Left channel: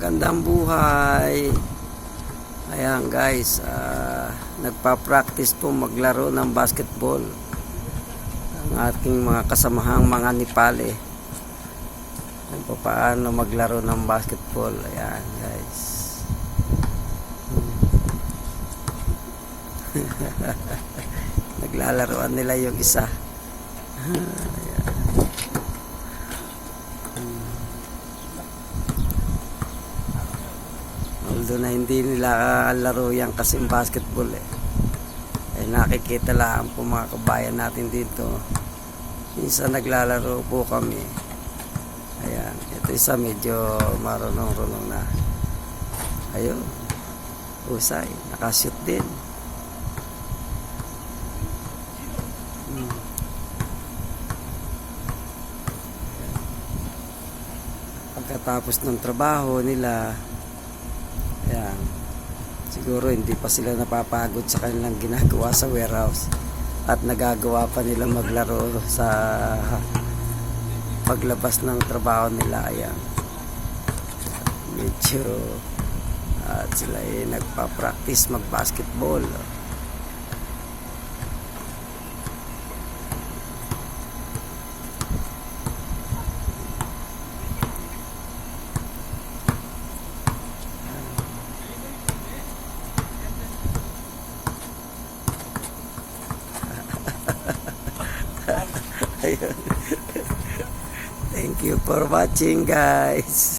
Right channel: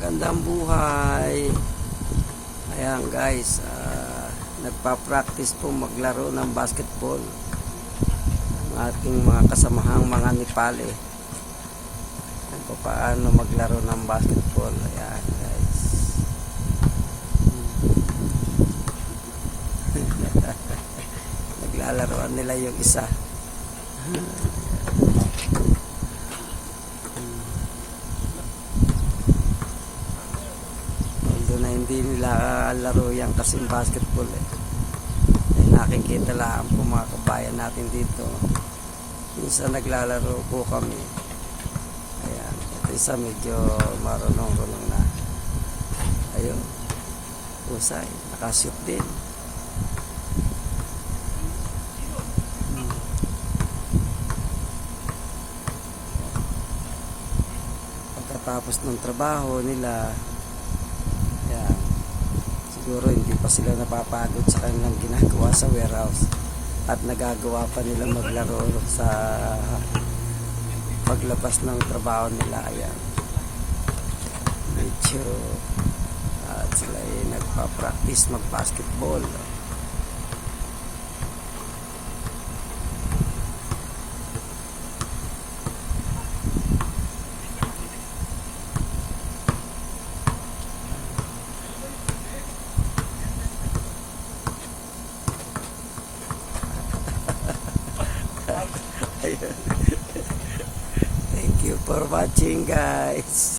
Magandang buhay. Ayan guys, nagpa-practice po maglaro ng basketball ang ating mga kasamahang mga Nepali. Kung paano maglaro ng basketball. Ayan guys. Naglalaroan nila yung isa. Although na hindi nila laro yan kasi basketball nakikita lang po mga kabayan natin dito. Minsan naglalaro po kami. Ayan, ito isa medyo marunong-runong na. Ayun, usay, nakashoot din. Pagkatapos ng trabaho nila, ayan, siguro hindi pa sila napapagod sa kanilang ginagawa sa warehouse at nagagawa pa nila maglaro sa paglabas ng trabaho nila. Ayan, medyo at sila ay nagpa-practice mag-basketball. Thank you for watching guys.